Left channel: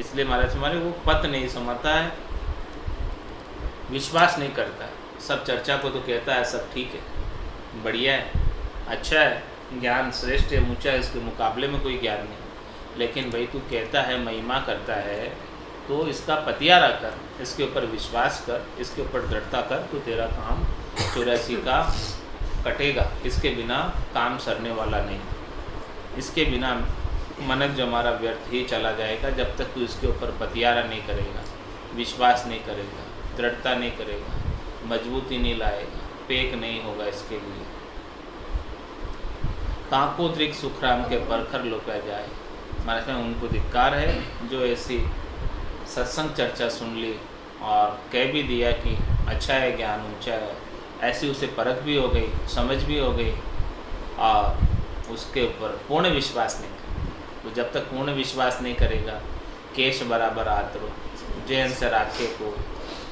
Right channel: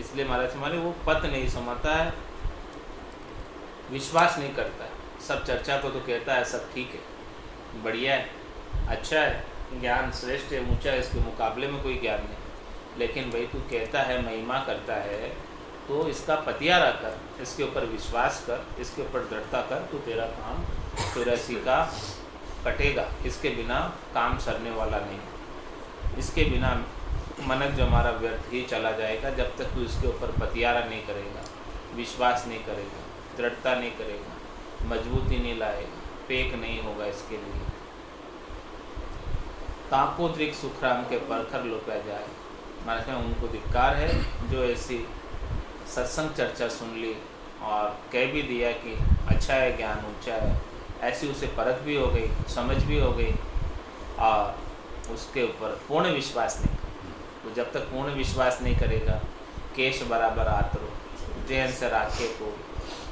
इसलिए महाराज हमारे वो पद नहीं समझता है, विश्वास नहीं करता है। सब चर्चा को तो कहता है सब ठीक है, बढ़िया है, अच्छा है, ज्ञान श्रेष्ठ है, ऊंचा है, इसके मुकाबले में कोई ज्ञान नहीं। लेकिन भाई तू कहता है, महिमा करता है, तो इसका पतियारा कर, इसके ऊपर विश्वास कर, इसके ऊपर दृढ़ता कर, तो तेरा काम 84 का कटेगा। इसके बिना काम सरने वाला नहीं, इसके बिना मनक जो हमारा व्यर्थ ही चला जाएगा। जब तक तू इसके ऊपर पतियारा नहीं करेगा, विश्वास नहीं करेगा, दृढ़ता नहीं करेगा, मजबूती नहीं लाएगा, पेक नहीं होगा इसके लिए। ताको दृक सुखराम के परखर लुका जाए। महाराज में उनको धिक्कार है जो ऐसी सत्संग चर्चा सुन ली और कह भी दिया कि अच्छा है, ज्ञान ऊंचा है, ऐसी उसे परख भी हो गई, समझ भी हो गई, और उसके ऊपर पूर्ण विश्वास नहीं कर। तो जब तक पूर्ण विश्वास नहीं करेगा, केश बराबर आतरो जैन से राखे को,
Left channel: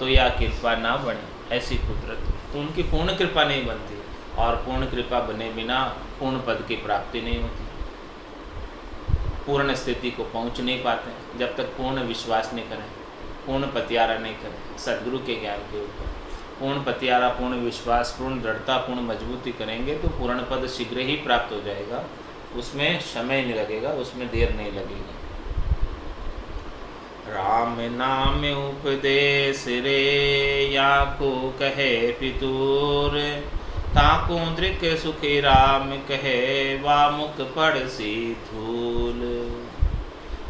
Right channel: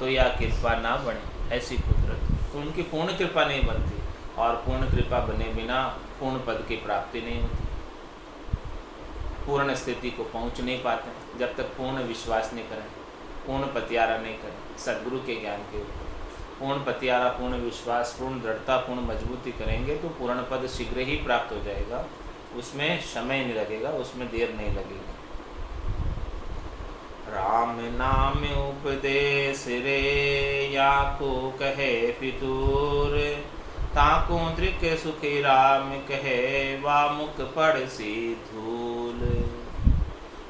तो या कृपा ना बने ऐसी कुदरत। तो उनकी पूर्ण कृपा नहीं बनती, और पूर्ण कृपा बने बिना पूर्ण पद की प्राप्ति नहीं होती, पूर्ण स्थिति को पहुंच नहीं पाते जब तक पूर्ण विश्वास नहीं करें, पूर्ण पतियारा नहीं करें सद्गुरु के ज्ञान के ऊपर। पूर्ण पतियारा, पूर्ण विश्वास, पूर्ण दृढ़ता, पूर्ण मजबूती करेंगे तो पूर्ण पद शीघ्र ही प्राप्त हो जाएगा। उसमें समय नहीं लगेगा, उसमें देर नहीं लगेगी। राम नाम उपदेश रे या को कहे पितूर, ताको दृक सुखी राम कहे वा मुख पड़सी धूल।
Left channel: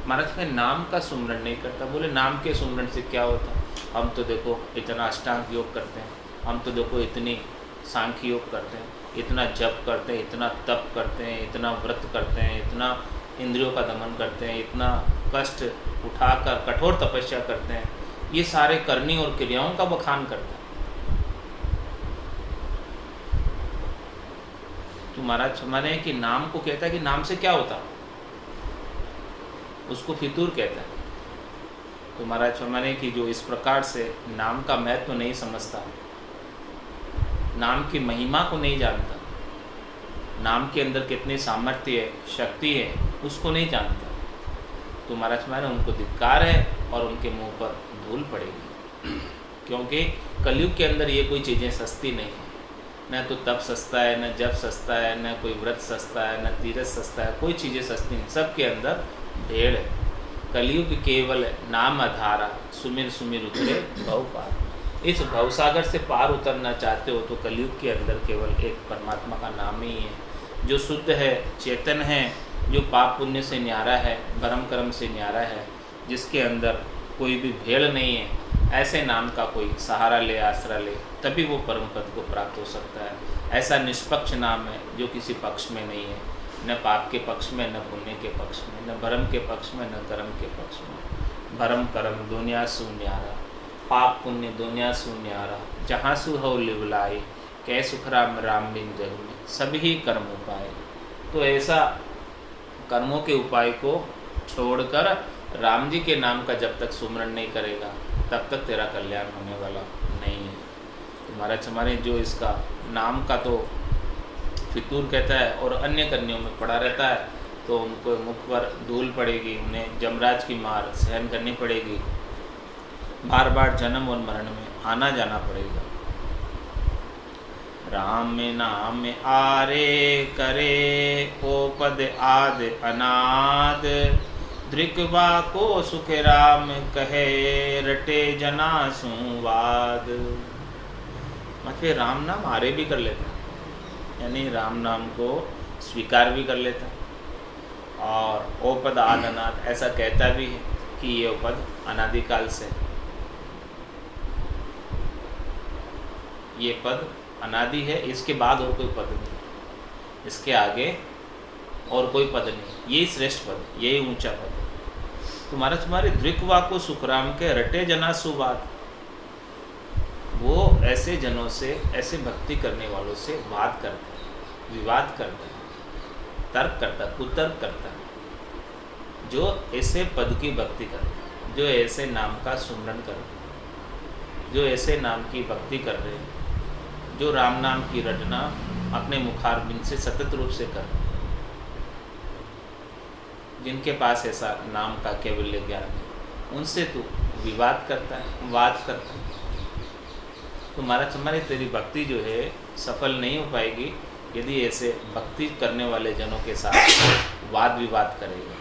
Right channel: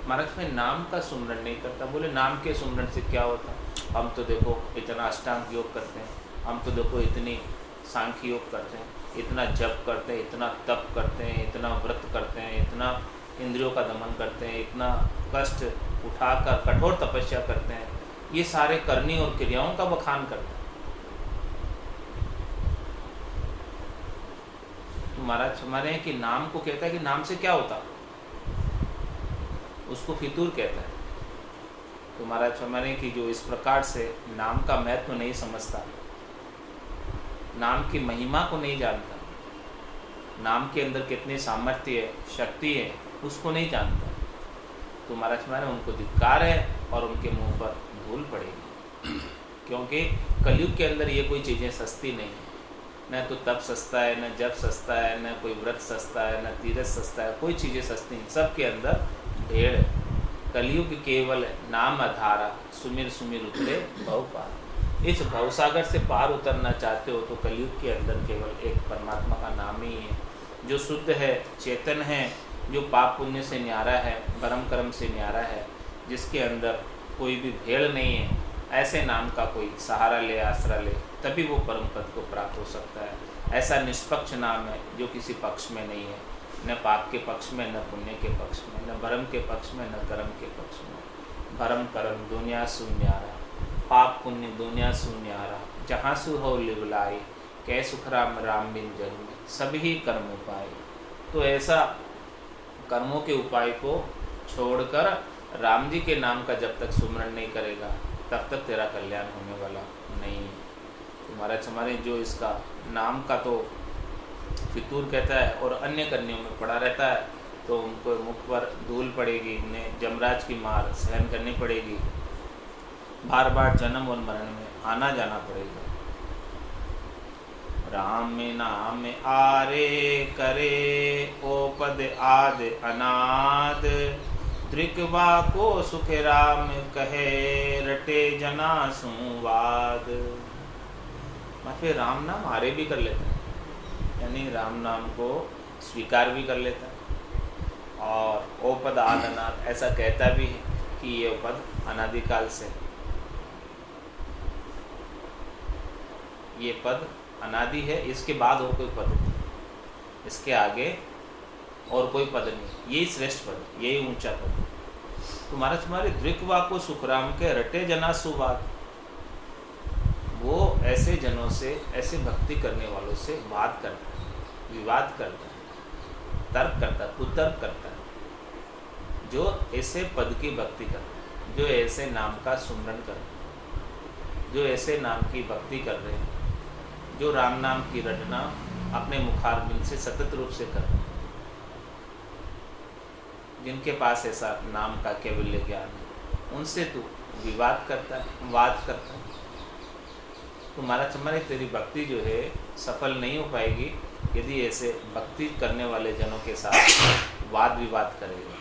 महाराज में नाम का सुमरण नहीं करता। बोले नाम के सुमरण से क्या होता? हम तो देखो इतना अष्टांग योग करते हैं, हम तो देखो इतनी सांख्य योग करते हैं, इतना जप करते हैं, इतना तप करते हैं, इतना व्रत करते हैं, इतना इंद्रियों का दमन करते हैं, इतना कष्ट उठाकर कठोर तपस्या करते हैं। ये सारे करनी और क्रियाओं का बखान करता है। तो महाराज माने कि नाम को कहता है कि नाम से क्या होता, उसको फितूर कहता है। तो महाराज माने कि जो इस प्रकार से नाम का महत्व नहीं समझता, नाम की महिमा को नहीं जानता, नाम के अंदर कितनी सामर्थ्य है, शक्ति है, उसको नहीं जानता, तो महाराज माने उनको धिक्कार है और उनके मुंह पर धूल पड़ेगी। क्योंकि कलयुग के अंदर ये कोई चीज़ें सस्ती नहीं है। न तो तप सस्ता है, न जप सस्ता है, न कोई व्रत सस्ता है, न तीरथ सस्ता है, कोई चीज़ें सस्ती नहीं, सबके अंदर ढेर है। कलयुग केवल नाम आधारा, सुमिर सुमिर उतरे भव पार। इस भवसागर से पार उतरना चाहते हो तो कलयुग के अंदर केवल एक परमात्मा का नाम ही है, जो शुद्ध है, चेतन है, जो पाप पुण्य से न्यारा है, भरम कर्म से न्यारा है, जिसके अंदर कोई भी भेड़ नहीं है। ऐसे नाम का कोई सहारा ले, आसरा ले, तभी वो परम पद को प्राप्त हो सकता है। ऐसा निष्पक्ष नाम है जो किसी पक्ष में नहीं है, न पाप के पक्ष में, न पुण्य के पक्ष में, न भरम के पक्ष में, न कर्म के पक्ष में। भरम कर्म दुनिया सु न्यारा, पाप पुण्य दुनिया सु न्यारा, जहाँ सु हो लिवलाई, कै सुख राम राम बिन जग में, सभी कर्म उपाय। तो ऐसा कर्मों के उपाय को छोड़कर राम जी के नाम का जब तक सुमरण नहीं करेगा तब तक तेरा कल्याण होने वाला नहीं है। तो महाराज हमारे जो इसका नाम का तो फितूर कहता है और अन्य करनियों में पड़ा रहता है, तो उनको मुख पर धूल पड़ेगी, उन्हें यमराज की मार सहन करनी पड़ेगी, बार बार जन्म और मरण में आना जाना पड़ेगा। राम नाम आरे करे ओ पद आद अनाद, दृक्वा को सुख राम कहे रटे जना सुवाद। मतलब राम नाम आरे भी कर लेता है, यानी राम नाम को स्वीकार भी कर लेता है, और ओ पद आद अनाद ऐसा कहता भी है कि ये पद अनादिकाल से, ये पद अनादि है, इसके बाद और कोई पद नहीं, इसके आगे और कोई पद नहीं, यही श्रेष्ठ पद, यही ऊंचा पद। तो महाराज तुम्हारे दृक्वा को सुखराम के रटे जना सुवाद, वो ऐसे जनों से, ऐसे भक्ति करने वालों से बात करता है, विवाद करता है, तर्क करता है, कुतर्क करता है, जो ऐसे पद की भक्ति करता है, जो ऐसे नाम का सुमरण कर रहे हैं, जो ऐसे नाम की भक्ति कर रहे हैं, जो राम नाम की रटना अपने मुखारबिंद से सतत रूप से कर रहे हैं, जिनके पास ऐसा नाम का केवल्य ज्ञान है, उनसे तू विवाद करता है, वाद करता है। तो महाराज हमारी तेरी भक्ति जो है सफल नहीं हो पाएगी यदि ऐसे भक्ति करने वाले जनों के साथ वाद विवाद करेगा।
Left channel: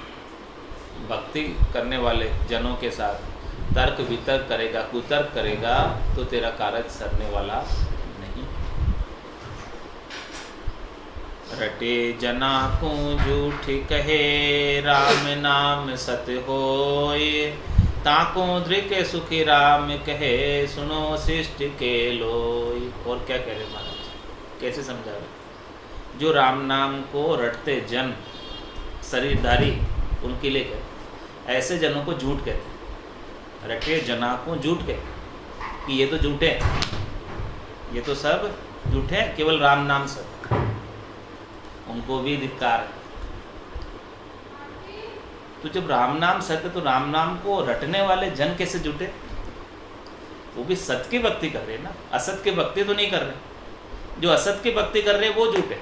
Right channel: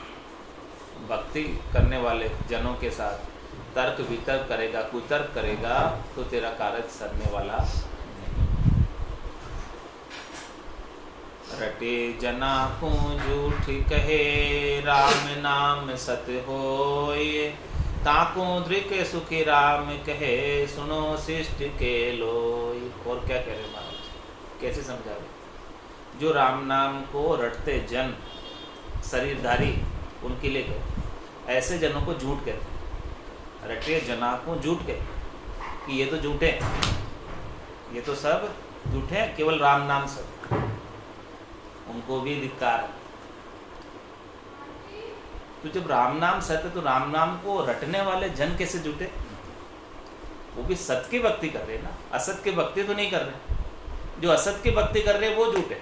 भक्ति करने वाले जनों के साथ तर्क वितर्क करेगा, कुतर्क करेगा, तो तेरा कार्य सरने वाला नहीं। रटे जना को झूठ कहे, राम नाम सत्य होय। ताको दृक सुखी राम कहे, सुनो शिष्ट के लोय। और क्या कह रहे महाराज, कैसे समझा रहे? जो राम नाम को रटते जन शरीरधारी उनके लिए कहते, ऐसे जनों को झूठ कहते हैं। रटे जना को झूठ कहते कि ये तो झूठे हैं, ये तो सब झूठे हैं, केवल राम नाम सत्य, उनको भी धिक्कार है। तो जब राम नाम सत्य, तो राम नाम को रटने वाले जन कैसे झूठे? वो भी सत्य की भक्ति कर रहे हैं ना, असत की भक्ति तो नहीं कर रहे। जो असत की भक्ति कर रहे हैं वो झूठे,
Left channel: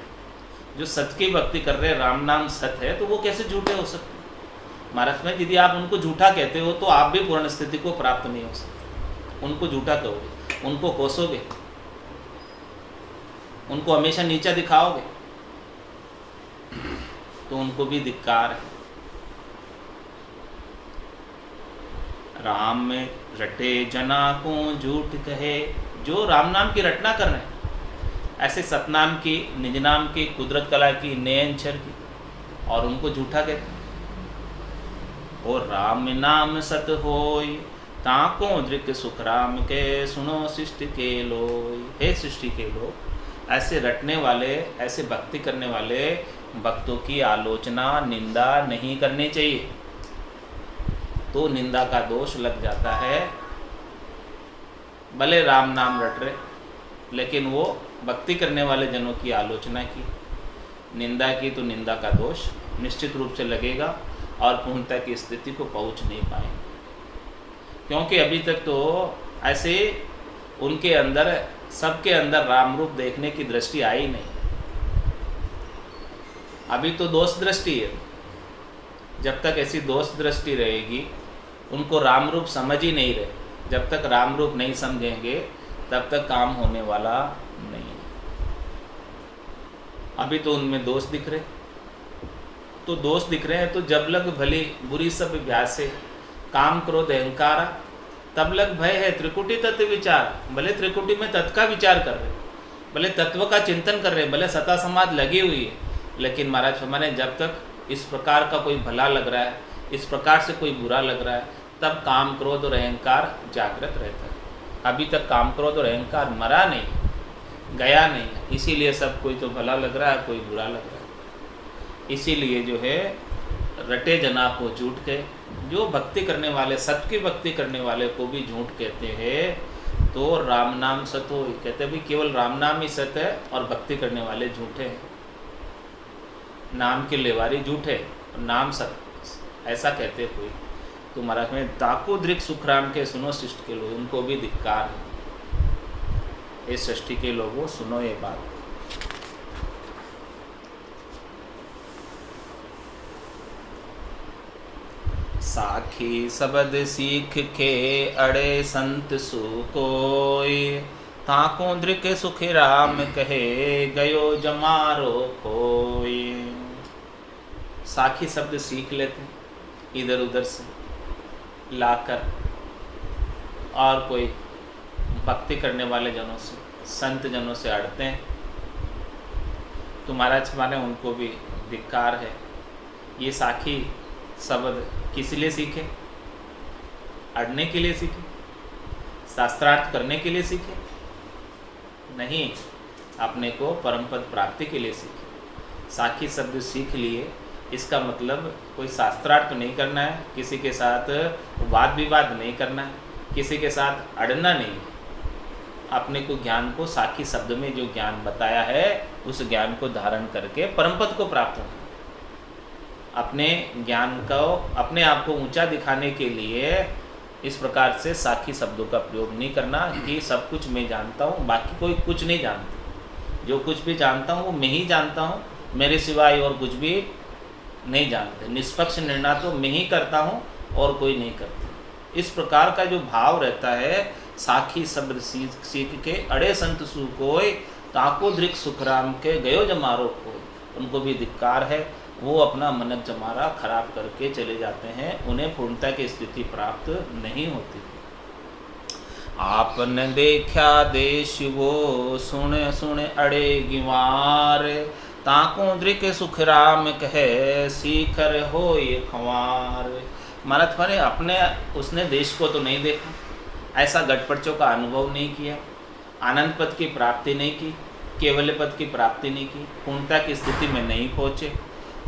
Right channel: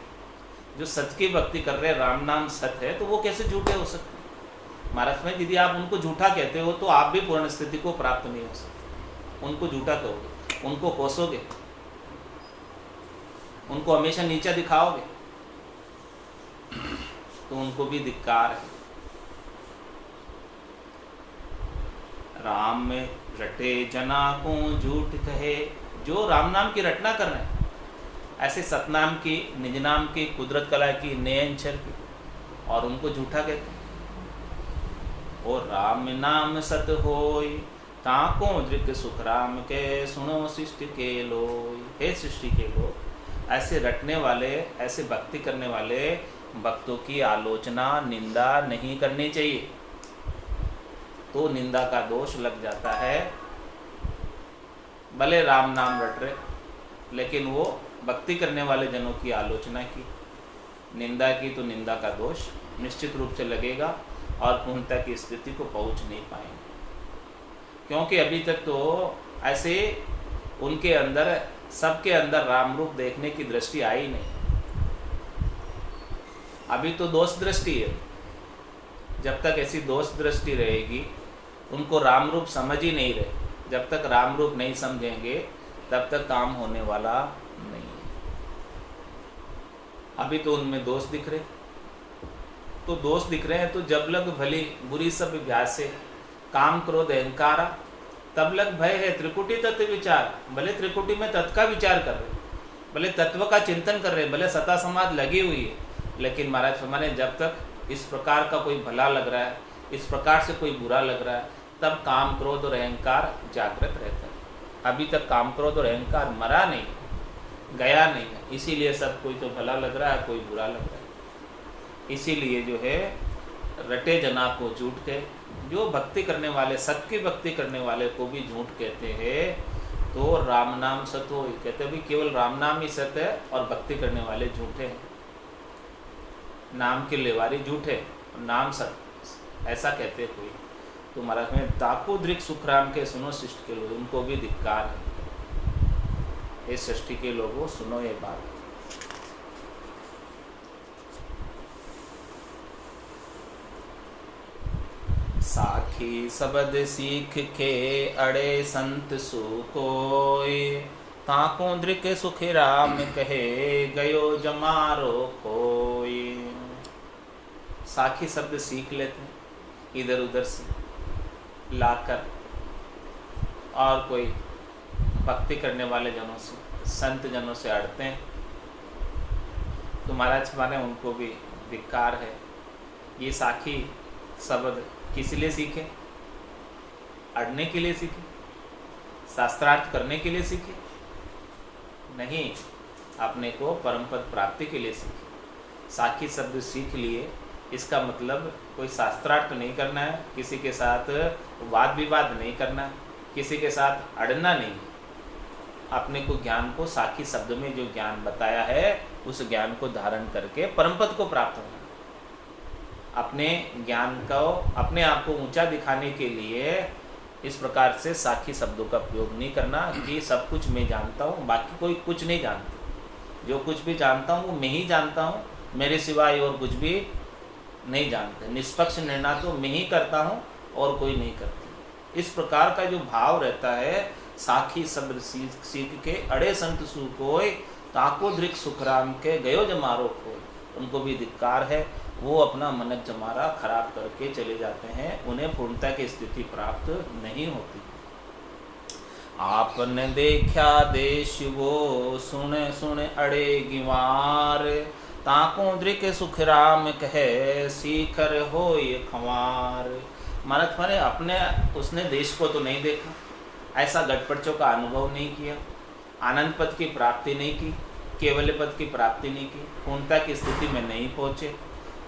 जो सत्य की भक्ति कर रहे हैं, राम नाम सत्य है, तो वो कैसे झूठे हो सकते? महाराज में यदि आप उनको झूठा कहते हो तो आप भी पूर्ण स्थिति को प्राप्त नहीं हो सकते। उनको झूठा कहोगे, उनको कोसोगे, उनको हमेशा नीचा दिखाओगे, तो उनको भी धिक्कार है। राम में रटे जना को झूठ कहे, जो राम नाम की रटना कर रहे हैं, ऐसे सतनाम की, निज नाम की, कुदरत कला की, नयनचर की, और उनको झूठा कहते हैं। और राम नाम सत होय, ताको दृक सुख राम के, सुनो सृष्टि के लोय। हे सृष्टि के लोग, ऐसे रटने वाले, ऐसे भक्ति करने वाले भक्तों की आलोचना, निंदा नहीं करनी चाहिए, तो निंदा का दोष लग जाता है। भले राम नाम रट रहे, लेकिन वो भक्ति करने वाले जनों की आलोचना की, निंदा की, तो निंदा का दोष निश्चित रूप से लगेगा और पूर्णता की स्थिति को पहुंच नहीं पाएंगे। क्योंकि अभी तक तो ऐसे उनके अंदर, सबके अंदर राम रूप देखने की दृष्टि आई नहीं। अभी तो दोष दृष्टि है। जब तक ऐसी दोष दृष्टि रहेगी, उनको राम रूप समझ ही नहीं रहे, जब तक राम रूप नहीं समझेंगे तब तक काम होने वाला नहीं है। अभी तो उनमें दोष दिख रहे, तो दोष दिख रहे हैं, तो जब लग भली बुरी सब अभ्यासे, काम क्रोध अहंकारा, तब लग भय है त्रिकुटी तत्व विचार। भले त्रिकुटी में तत्व का विचार कर रहे, भले तत्व का चिंतन कर रहे, भले सता समाज लगी हुई है, लेकिन महाराज हमारे जब तक इस प्रकार का कोई भला लग रहा है, इस प्रकार से कोई बुरा लग रहा है, तब काम क्रोध और अहंकार जागृत रहता है। अभी तक काम क्रोध और अहंकार मरा नहीं, गया नहीं है, इसीलिए सब कोई तो भला लग रहा है, कोई बुरा लग रहा है। इसीलिए जो है रटे जना को झूठ कहे, जो भक्ति करने वाले, सत्य की भक्ति करने वाले को भी झूठ कहते हैं। तो राम नाम सत्य हो, कहते भी केवल राम नाम ही सत्य है और भक्ति करने वाले झूठे हैं। नाम के लेवारी झूठे, नाम सत्य, ऐसा कहते कोई। तो महाराज में ताको दृक सुख राम के, सुनो शिष्ट के लोग, उनको भी धिक्कार है। इस सृष्टि के लोगों सुनो ये बात। साखी शब्द सीख के, अड़े संत सु कोय। ताको दृक सुख राम कहे, गयो जमारो कोय। साखी शब्द सीख लेते हैं इधर उधर से लाकर, और कोई भक्ति करने वाले जनों से, संत जनों से अड़ते हैं, तो महाराज हमारे उनको भी धिक्कार है। ये साखी शब्द किस लिए सीखे? अड़ने के लिए सीखे? शास्त्रार्थ करने के लिए सीखे? नहीं, अपने को परम पद प्राप्ति के लिए सीखे। साखी शब्द सीख लिए, इसका मतलब कोई शास्त्रार्थ तो नहीं करना है, किसी के साथ वाद विवाद नहीं करना है, किसी के साथ अड़ना नहीं है। अपने को ज्ञान को, साखी शब्द में जो ज्ञान बताया है, उस ज्ञान को धारण करके परम पद को प्राप्त होना। अपने ज्ञान को, अपने आप को ऊंचा दिखाने के लिए इस प्रकार से साखी शब्दों का प्रयोग नहीं करना कि सब कुछ मैं जानता हूँ, बाकी कोई कुछ नहीं जानता। जो कुछ भी जानता हूँ वो मैं ही जानता हूँ, मेरे सिवाय और कुछ भी नहीं जानते। निष्पक्ष निर्णय तो मैं ही करता हूँ और कोई नहीं करता। इस प्रकार का जो भाव रहता है, साखी सब्र सीख के अड़े संत सु कोय, ताको धृक सुखराम के गयो जमारो कोय। उनको भी धिक्कार है, वो अपना मनक जमारा खराब करके चले जाते हैं, उन्हें पूर्णता की स्थिति प्राप्त नहीं होती। आपने देखा देश वो सुन सुन अड़े गिवार, ताको धृक सुखराम कहे सीखर हो ये खंवार। महाराज माने अपने उसने देश को तो नहीं देखा, ऐसा गटपटचों का अनुभव नहीं किया, आनंद पद की प्राप्ति नहीं की, केवल्य पद की प्राप्ति नहीं की, पूर्णता की स्थिति में नहीं पहुँचे,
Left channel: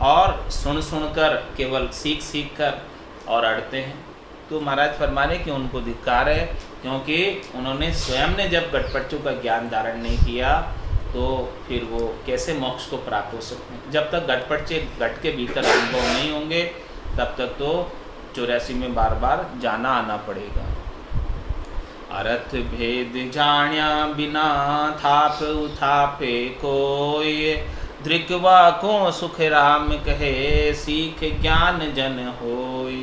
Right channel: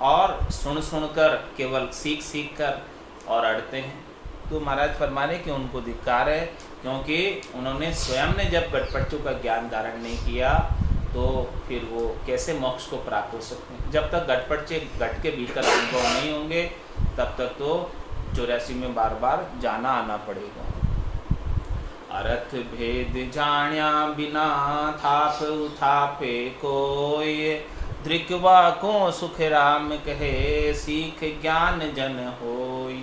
और सुन सुनकर केवल सीख सीख कर और अड़ते हैं। तो महाराज फरमाने कि उनको धिक्कार है, क्योंकि उन्होंने स्वयं ने जब गटपटचों का ज्ञान धारण नहीं किया तो फिर वो कैसे मोक्ष को प्राप्त हो सकते हैं। जब तक गटपटचे गट के भीतर अनुभव नहीं होंगे तब तक तो 84 में बार बार जाना आना पड़ेगा। अर्थ भेद जाण्या बिना थाप उथापे कोय, धृकवा को सुख राम कहे सीख ज्ञान जन होय।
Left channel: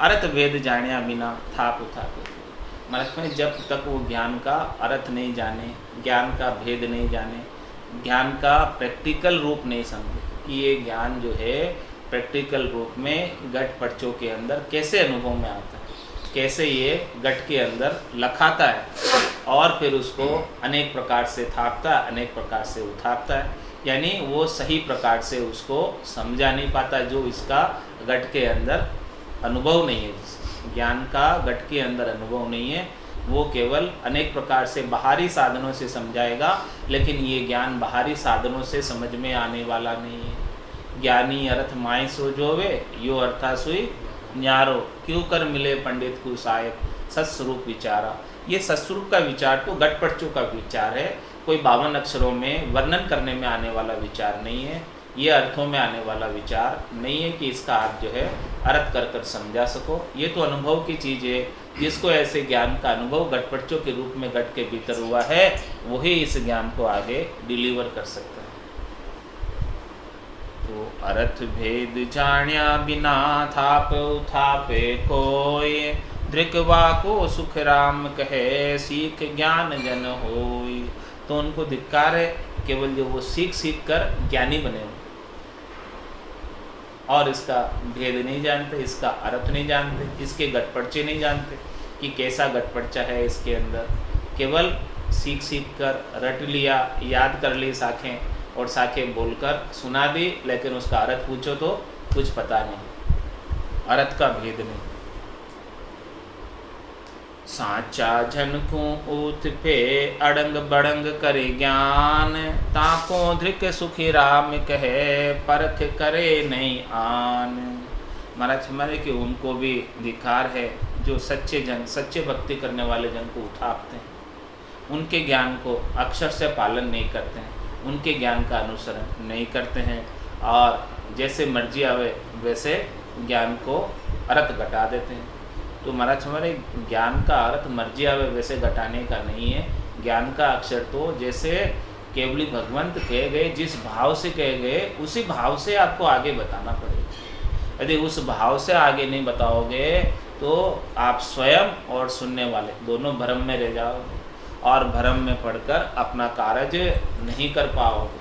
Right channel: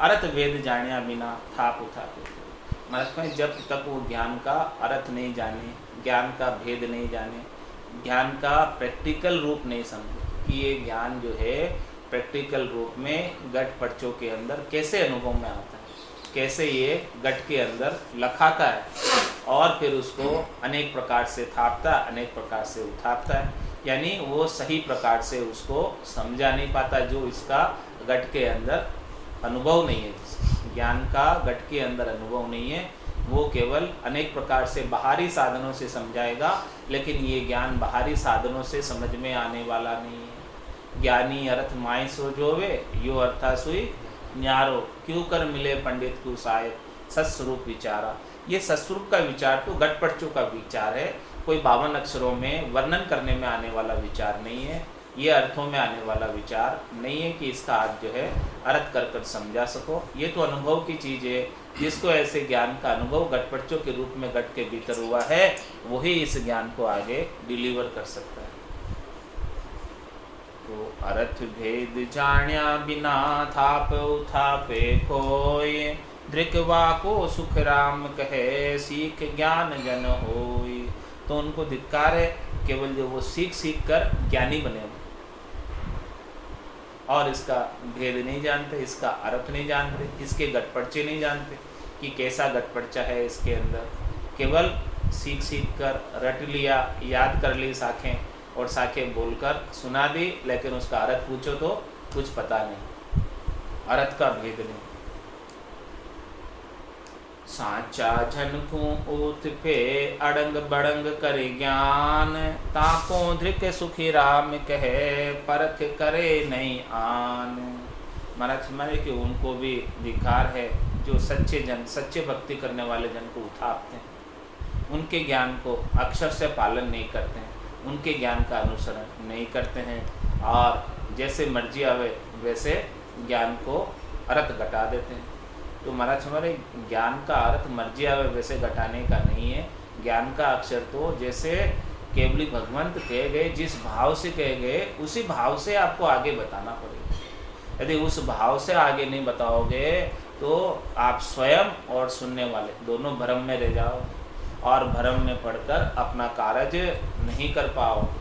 अर्थ भेद जाण्या बिना थाप उथापे, मतलब में जब तक वो ज्ञान का अर्थ नहीं जाने, ज्ञान का भेद नहीं जाने, ज्ञान का प्रैक्टिकल रूप नहीं समझे कि ये ज्ञान जो है प्रैक्टिकल रूप में गटपटचों के अंदर कैसे अनुभव में आता है, कैसे ये गट के अंदर लखाता है, और फिर उसको अनेक प्रकार से थापता, अनेक प्रकार से उठापता है, यानी वो सही प्रकार से उसको समझा नहीं पाता। जो इसका गट के अंदर अनुभव नहीं है, ज्ञान का गट के अंदर अनुभव नहीं है, वो केवल अनेक प्रकार से बाहरी साधनों से समझाएगा, लेकिन ये ज्ञान बाहरी साधनों से समझ में आने वाला नहीं है। ज्ञानी अर्थ माय सो जोवे, यो अर्था सुई न्यारो, क्यों कर मिले पंडित को साहेब सत्स्वरूप विचारा। ये सत्स्वरूप का विचार तो गटपटचों का विचार है, कोई 52 अक्षरों में वर्णन करने में आने वाला विचार नहीं है, ये अर्थों में आने वाला विचार नहीं है कि इसका आप जो है अर्थ कर कर समझा सको। ये तो अनुभव की चीज़ है, जिसको ऐसे ज्ञान का अनुभव गटपटचों के रूप में गट के भीतर हुआ है, वही इस ज्ञान को आगे डिलीवर कर सकता है। तो अर्थ भेद जाण्या बिना थाप उथापे कोय, धृकवा को सुख राम कहे सीख ज्ञान जन होय। तो उनको धिक्कार है, केवल जो वो सीख सीख कर ज्ञानी बने हो और इसका भेद नहीं जानते, इसका अर्थ नहीं जानते, इसके गटपटचे नहीं जानते कि कैसा गटपटचा है इसके अंदर। केवल सीख सीख कर रट लिया, याद कर ली साखें, और साखें बोलकर सुना दी, लेकिन उसका अर्थ पूछो तो कुछ पता नहीं, अर्थ का भेद नहीं। साचा झन को ऊथ पे अड़ंग बड़ंग करे ज्ञान, ताको धृक सुखी राम कहे परख करे नहीं आन। महाराज हमारे कि उनको भी धिक्कार है जो सच्चे जन, सच्चे भक्ति करने वाले जन को उठाते हैं, उनके ज्ञान को अक्षर से पालन नहीं करते हैं, उनके ज्ञान का अनुसरण नहीं करते हैं, और जैसे मर्जी आवे वैसे ज्ञान को अर्थ घटा देते हैं। तो महाराज हमारे ज्ञान का अर्थ मर्जी आवे वैसे घटाने का नहीं है। ज्ञान का अक्षर तो जैसे केवली भगवंत कहे गए, जिस भाव से कहे गए उसी भाव से आपको आगे बताना पड़ेगा। यदि उस भाव से आगे नहीं बताओगे तो आप स्वयं और सुनने वाले दोनों भ्रम में रह जाओगे, और भ्रम में पड़कर अपना कार्य नहीं कर पाओगे।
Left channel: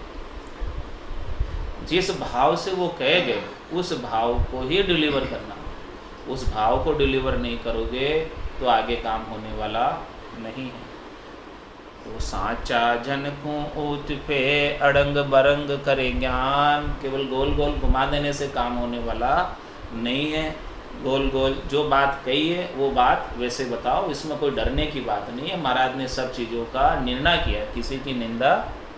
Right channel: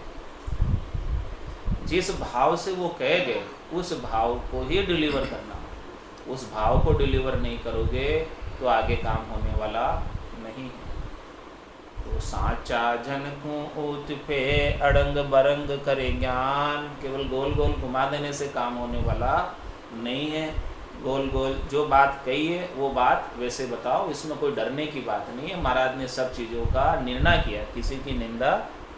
जिस भाव से वो कहे गए उस भाव को ही डिलीवर करना, उस भाव को डिलीवर नहीं करोगे तो आगे काम होने वाला नहीं है। तो साचा जन को ऊत पे अड़ंग बरंग करे ज्ञान, केवल गोल गोल घुमा देने से काम होने वाला नहीं है। गोल गोल जो बात कही है वो बात वैसे बताओ, इसमें कोई डरने की बात नहीं है। महाराज ने सब चीज़ों का निर्णय किया, किसी की निंदा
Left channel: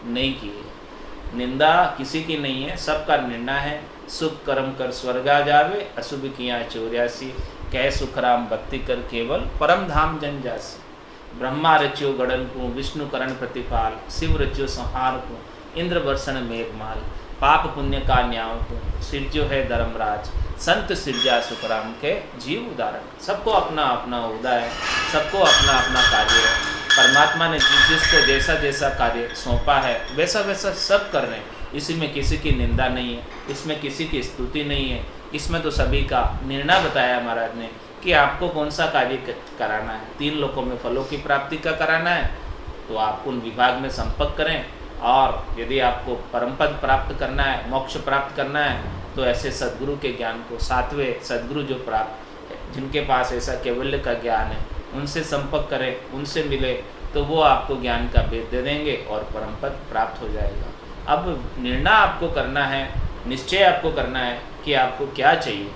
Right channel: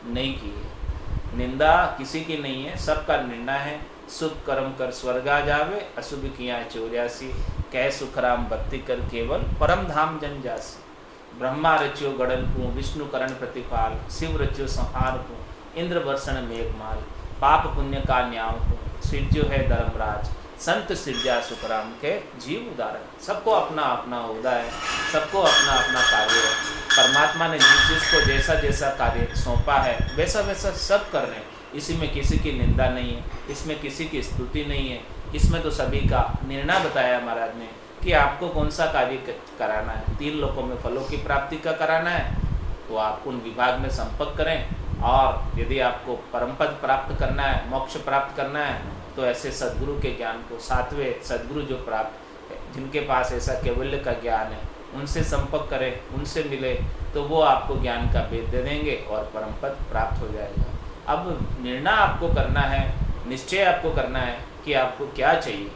नहीं की है, निंदा किसी की नहीं है, सबका निर्णय है। शुभ कर्म कर स्वर्गा जावे, अशुभ किया 84, कह सुखराम भक्ति कर केवल परम धाम जन जासी। ब्रह्मा रच्यो गड़न को, विष्णु करण प्रतिपाल, शिव रच्यो संहार को, इंद्र वर्षण मेघमाल, पाप पुण्य का न्याव को, सिरजो है धर्मराज, संत सिरजा सुखराम के जीव उदाहरण। सबको अपना अपना उदा है, सबको अपना अपना कार्य है। परमात्मा ने जिसको जैसा जैसा कार्य सौंपा है वैसा वैसा सब कर रहे हैं। इसी में किसी की निंदा नहीं है, इसमें किसी की स्तुति नहीं है, इसमें तो सभी का निर्णय बताया महाराज ने कि आपको कौन सा कार्य कराना है। 3 लोकों में फलों की प्राप्ति का कराना है तो आप उन विभाग में संपर्क करें, और यदि आपको परम पद प्राप्त करना है, मोक्ष प्राप्त करना है, तो ऐसे सद्गुरु के ज्ञान को, 7वें सद्गुरु जो प्राप्त है, जिनके पास ऐसा कैवल्य का ज्ञान है, उनसे संपर्क करें, उनसे मिले, तो वो आपको ज्ञान का भेद दे देंगे और परम पद प्राप्त हो जाएगा। अब निर्णय आपको करना है, निश्चय आपको करना है कि आपको क्या चाहिए।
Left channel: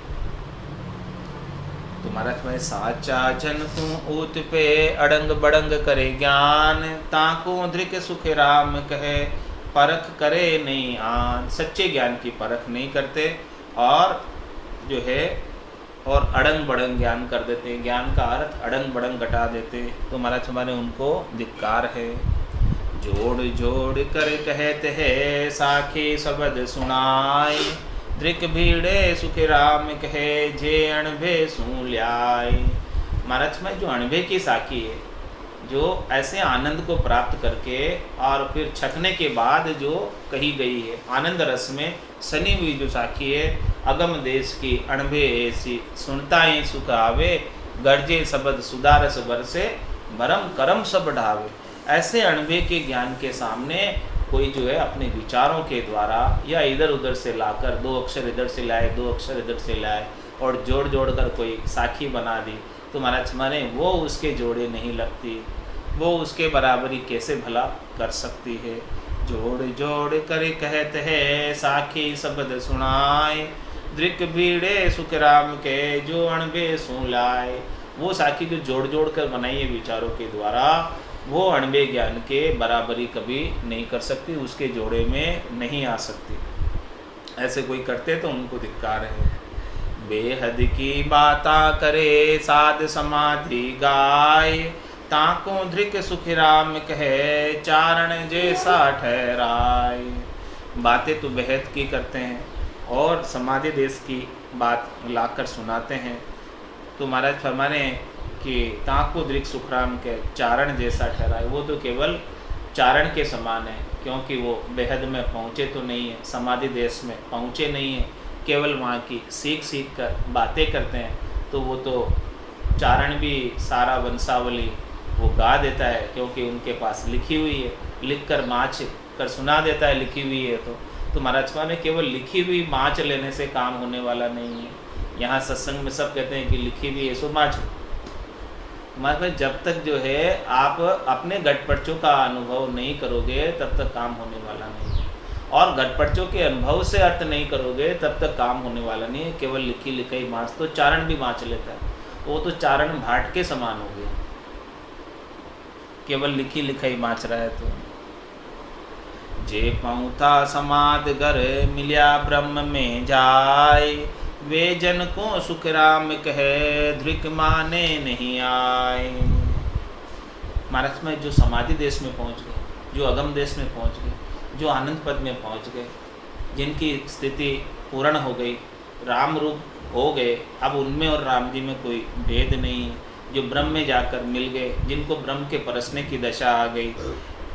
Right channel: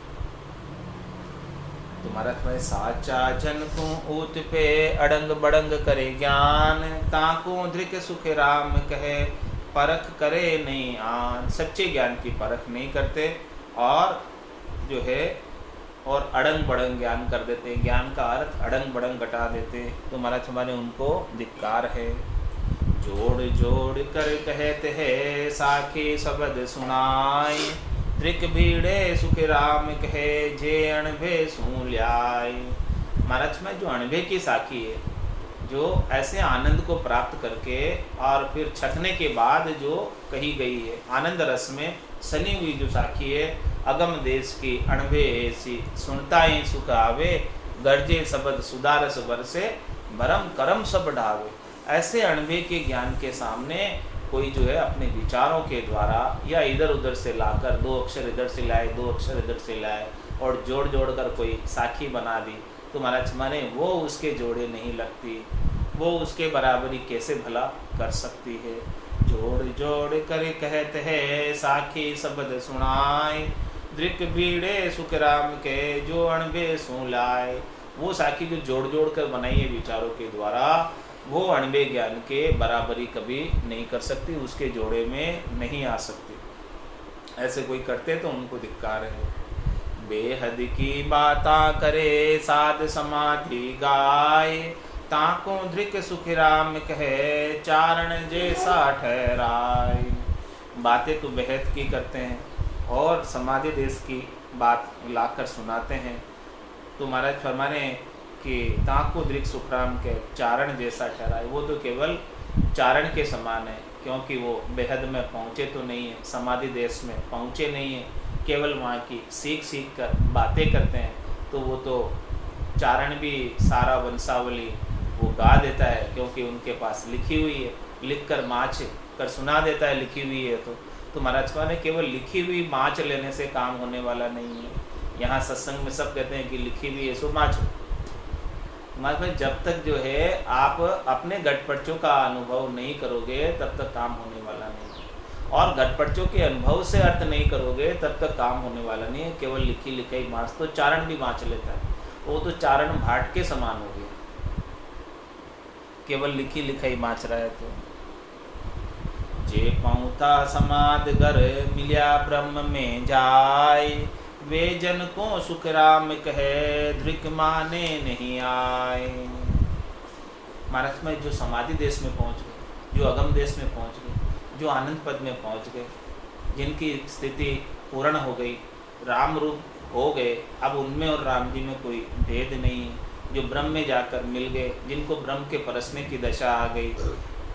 तुम्हारा तुम्हें साचा जन को ऊत पे अड़ंग बड़ंग करे ज्ञान, ताको धृक सुख राम कहे परख करे नहीं आन। सच्चे ज्ञान की परख नहीं करते और जो है और अड़ंग बड़ंग ज्ञान कर देते हैं, ज्ञान का अर्थ अड़ंग बड़ंग घटा देते, तो महाराज हमारे उनको धिक्कार है। जोड़ जोड़ कर कहते हैं साखी शब्द सुनाए, धृक भीड़े सुख राम कहे जे अणभे सू ल्याय। महाराज में जो अणभे की साखी है, जो ऐसे आनंद को प्राप्त करके और फिर छकने के बाद जो कही गई है, आनंद रस में सनी हुई जो साखी है, अगम देश की अणभे ऐसी सुनता ही सुख आवे, गर्जे शब्द सुदारस बरसे भरम करम सब ढावे। ऐसे अणभे के ज्ञान के सामने कोई जो है अपने विचारों के द्वारा या इधर उधर से लाकर 2 अक्षर इधर से लाए, 2 अक्षर इधर से लाए और जोड़ जोड़ कर कोई साखी बना दी, तो महाराज माने वो उसके जोड़े नहीं लगती, वो उसके बराबरी कैसे भला कर सकती है। जोड़ जोड़ कर कहते हैं साखी शब्द सुनाए, दृक भीड़े सुख राम के जो अणबे सू लाए। वो साखी जो जोड़ जोड़ कर बनाई है विचारों के द्वारा, वो अणबे ज्ञान के बराबरी कभी नहीं कर सकती, उसके जोड़े में नहीं आ सकती। ऐसे कोई करते तो उनको धिक्कार है। बेहद की बाता करे साध समाधि गाय, ताको धृक सुख राम कहे चारण जैसा ठहराए। बातें तो बेहद की करते हैं और समाधि देश की बात लाकर सुनाते हैं, तो महाराज फरमाने कि ताको धृक सुखराम के चारण जैसा ठहराए। वो तो केवल चारण के समान है, क्योंकि वो बेहद में पहुँचे तो नहीं है, समाधि देश में पहुँचे नहीं है, केवल वहाँ की सीख सीख कर बातें करते हैं। तो वो तो चारण भी सारा वंशावली वो गा देता है, क्योंकि उनके पास लिखी हुई है, लिख कर माच कर सुना देता है, लिखी हुई है। तो महाराज ने केवल लिखी हुई माच लेने से काम होने वाला नहीं है। यहाँ सत्संग में सब कहते हैं कि लिखी हुई है सो माच। महाराज जब तक जो है आप अपने घटपटचों का अनुभव नहीं करोगे तब तक काम होने वाला नहीं है, और घटपटचों के अनुभव से अर्थ नहीं करोगे तब तक काम होने वाला नहीं है। केवल लिखी लिखाई माच, तो चारण भी माच लेता है, वो तो चारण भाट के समान हो गया, केवल लिखी लिखाई माच रहा है। तो जे पहुँचा समाध घर मिल्या ब्रह्म में जाय, वे जन को सुख राम कहे धृक माने नहीं आए। महाराज में जो समाधि देश में पहुँच गए, जो अगम देश में पहुँच गए, जो आनंद पद में पहुँच गए, जिनकी स्थिति पूर्ण हो गई, राम रूप हो गए, अब उनमें और राम जी में कोई भेद नहीं है, जो ब्रह्म में जाकर मिल गए, जिनको ब्रह्म के परसने की दशा आ गई,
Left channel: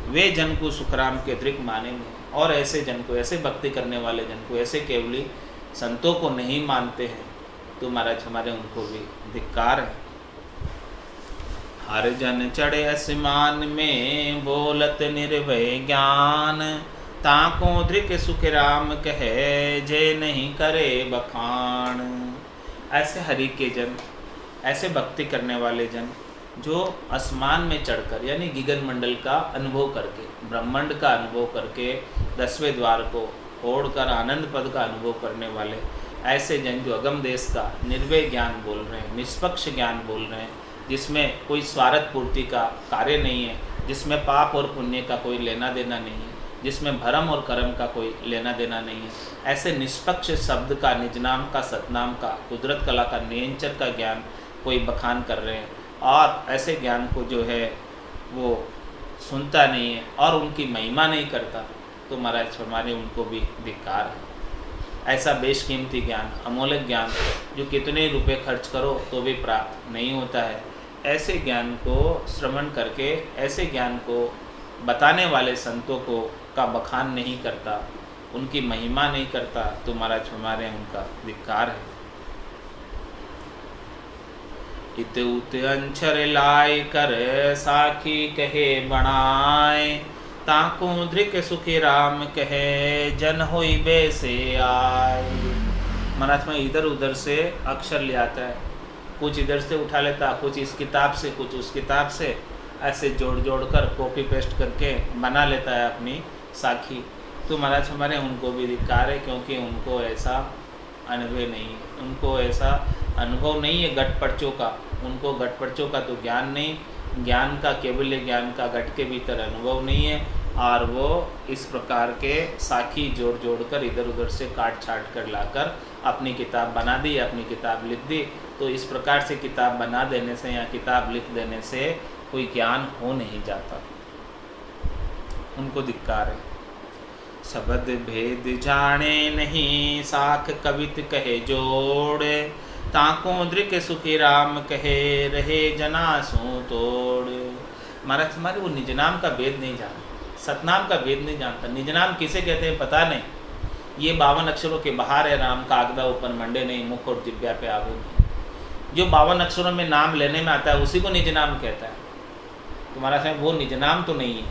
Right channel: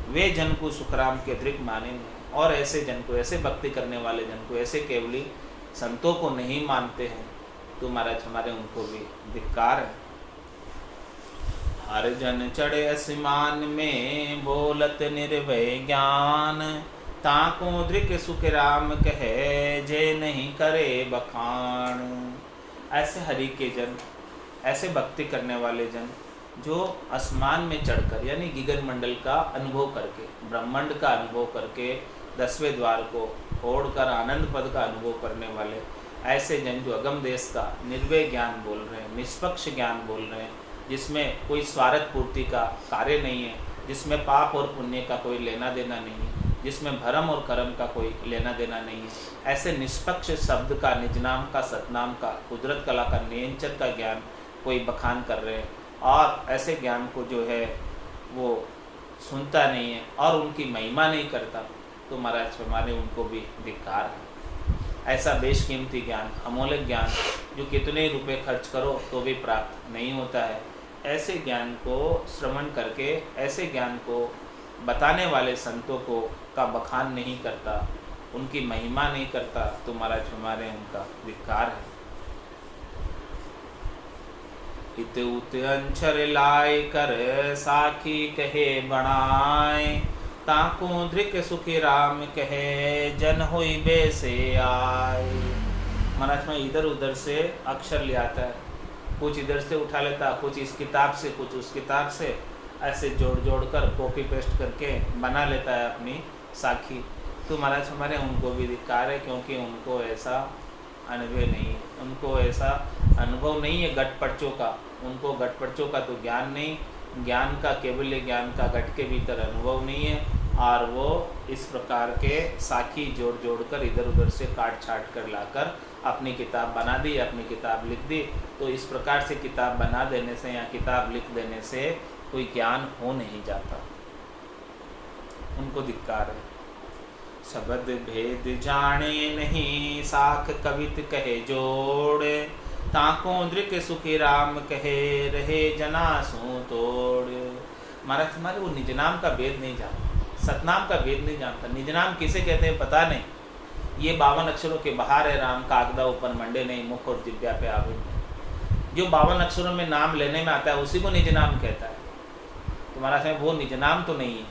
वे जन को सुखराम के धृक माने नहीं। और ऐसे जन को, ऐसे भक्ति करने वाले जन को, ऐसे केवली संतों को नहीं मानते हैं, तो महाराज हमारे उनको भी धिक्कार है। हर जन चढ़े आसमान में बोलत निर्भय ज्ञान, ताको धृक सुख राम कहे जे नहीं करे बखान। ऐसे हरि के जन, ऐसे भक्ति करने वाले जन जो आसमान में चढ़कर यानी गगन मंडल का अनुभव करके, ब्रह्मांड का अनुभव करके, 10वें द्वार को फोड़कर आनंद पद का अनुभव करने वाले ऐसे जन जो अगम देश का निर्भय ज्ञान बोल रहे हैं, निष्पक्ष ज्ञान बोल रहे हैं, जिसमें कोई स्वार्थ पूर्ति का कार्य नहीं है, जिसमें पाप और पुण्य का कोई लेना देना नहीं है, जिसमें भरम और कर्म का कोई लेना देना नहीं है, ऐसे निष्पक्ष शब्द का, निजनाम का, सतनाम का, कुदरत कला का, नियंचर का ज्ञान कोई बखान कर रहे हैं, और ऐसे ज्ञान को जो है वो सुनता नहीं है और उनकी महिमा नहीं करता, तो महाराज हमारे उनको भी धिक्कार है। ऐसा बेशकीमती ज्ञान, अमूल्य ज्ञान जो कितने रुपए खर्च करो तो भी प्राप्त नहीं होता है, ऐसे ज्ञान को श्रवण करके, ऐसे ज्ञान को बताने वाले संतों को का बखान नहीं करता, उनकी महिमा नहीं करता, तो महाराज हमारे उनका धिक्कार है। इत उत अंचर लाय कर साखी कहे बनाए, ताकू धृक सुखी राम कहे जन होई बेसे आए। महाराज में इधर उधर से अक्षर ले आता है, कुछ इधर से उठा लेता, कुछ इस किताब से, कुछ उस किताब से, ऐसे जोड़ जोड़ कर कॉपी पेस्ट करके बना लेता है अपनी साखी। तो महाराज हमारे उनको भी धिक्कार है, क्योंकि उनको ऐसा अनुभव नहीं है, उनको ऐसा अनुभव नहीं है गटपर्चों का, उनको गटपर्चों का तो ज्ञान नहीं, ज्ञान का केवल ज्ञान का गट के भीतर अनुभव नहीं है, और वो इस प्रकार के साखी जोड़ जोड़ कर इधर उधर से काट छाट कर लाकर अपनी किताब बना दी, अपनी किताब लिख दी। तो इस प्रकार से किताब बना देने से या किताब लिख देने से कोई ज्ञान हो नहीं जाता, उनको धिक्कार है। शब्द भेद जाने नहीं, साख कवित कहे जोड़, ताको दृक सुखी राम कहे रहे जना सो तोड़। महाराज हमारे वो निज नाम का भेद नहीं जानता, सतनाम का भेद नहीं जानता। निज नाम किसे कहते हैं पता नहीं, ये 52 अक्षरों के बाहर है राम, कागदा ऊपर मंडे नहीं, मुख और जिब्या पे आवे नहीं। जो 52 अक्षरों में नाम लेने में आता है उसी को निज नाम कहता है। तो महाराज साहब वो निज नाम तो नहीं है,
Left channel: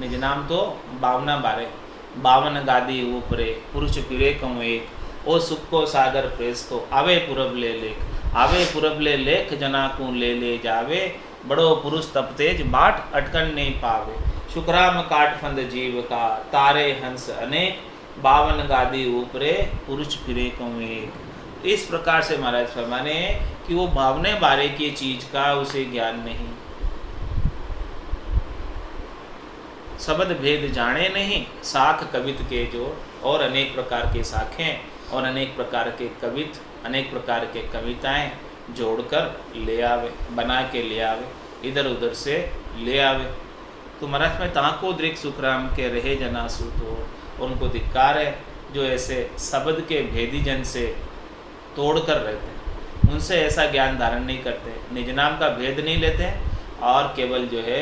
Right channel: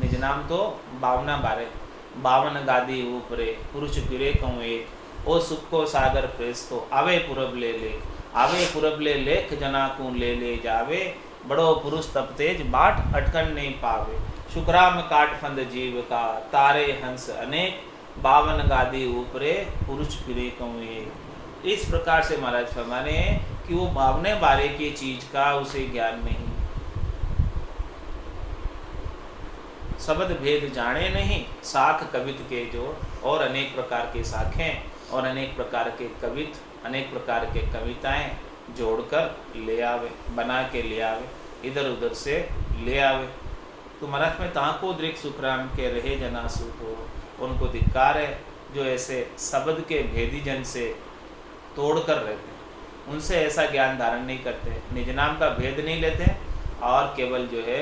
निज नाम तो 52 गादी ऊपरे पुरुष पीरे कहूँ एक, ओ सुख को सागर प्रेस तो आवे पुरब ले लेख, आवे पुरब ले लेख जना को ले जावे, बड़ो पुरुष तप तेज बाट अटकन नहीं पावे, शुक्राम काट फंद जीव का तारे हंस अनेक, 52 गादी ऊपरे पुरुष फिरे कहूँ एक। इस प्रकार से महाराज फरमाने कि वो 52 बारे की चीज का उसे ज्ञान नहीं, शब्द भेद जाने नहीं, साख कवित के जोड़, और अनेक प्रकार के साखें और अनेक प्रकार के कवित, अनेक प्रकार के कविताएं जोड़कर ले आवे, बना के ले आवे, इधर उधर से ले आवे। तो महाराज में ताको दृक सुखराम के रहे जना सूत हो, उनको धिक्कार है जो ऐसे शब्द के भेदी जन से तोड़ कर रहते हैं, उनसे ऐसा ज्ञान धारण नहीं करते, निज नाम का भेद नहीं लेते, और केवल जो है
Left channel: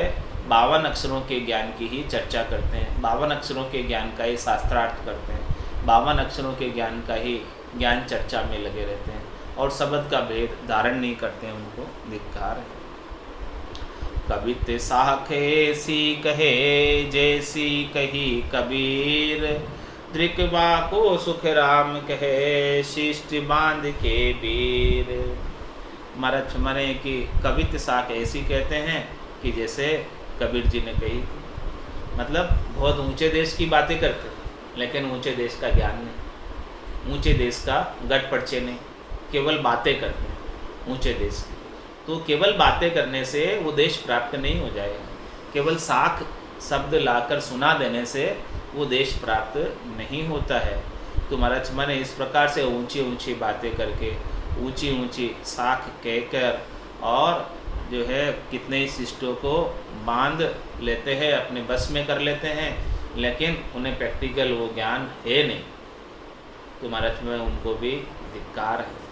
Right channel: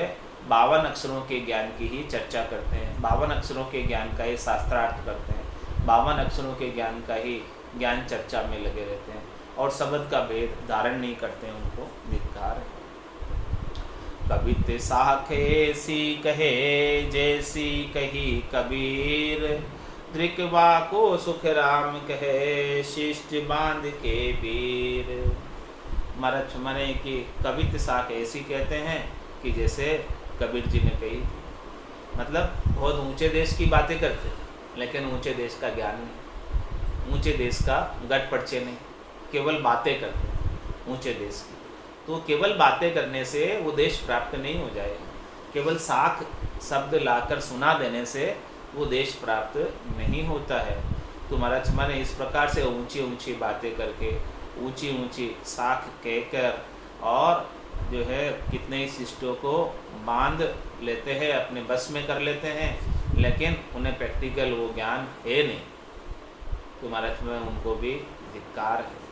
52 अक्षरों के ज्ञान की ही चर्चा करते हैं, 52 अक्षरों के ज्ञान का ही शास्त्रार्थ करते हैं, 52 अक्षरों के ज्ञान का ही ज्ञान चर्चा में लगे रहते हैं, और शब्द का भेद धारण नहीं करते हैं, उनको धिक्कार है। कवित साखे सी कहे जैसी कही कबीर, दृकवा को सुख राम कहे शिष्ट बांध के वीर। महाराज माने कि कवित साख ऐसी कहते हैं कि जैसे कबीर जी ने कही थी, मतलब बहुत ऊंचे देश की बातें करते लेकिन ऊंचे देश का ज्ञान नहीं, ऊंचे देश का गट पर्चे नहीं, केवल बातें करते हैं ऊंचे देश की। तो केवल बातें करने से वो देश प्राप्त नहीं हो जाएगा, केवल साख शब्द लाकर सुना देने से वो देश प्राप्त नहीं होता है। तो महाराज माने इस प्रकार से ऊंची ऊंची बातें करके, ऊंची ऊंची साख कहकर, और जो है कितने ही शिष्टों को बांध लेते हैं, अपने बस में कर लेते हैं, लेकिन उन्हें प्रैक्टिकल वो ज्ञान है नहीं। तो महाराज में उनको भी धिक्कार है।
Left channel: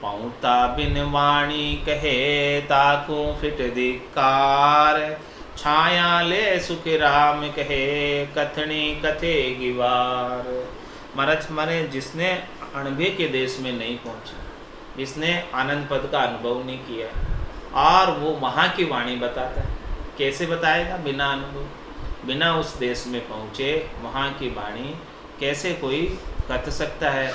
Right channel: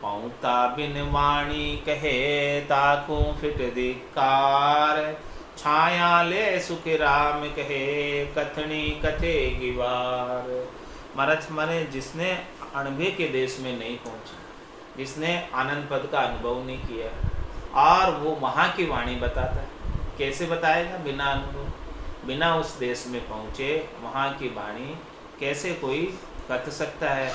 पौता बिन वाणी कहे ताकू फिट धिक्कार, छाया ले सुख राम कहे कथनी कथे गिवार। महाराज माने जिसने अणभे के देश में नहीं पहुंचा, जिसने आनंद पद का अनुभव नहीं किया, और वो वहाँ की वाणी बताता है, कैसे बताएगा? बिना अनुभव, बिना उस देश में पहुँचे वहाँ की वाणी कैसे कोई कथ सकता है,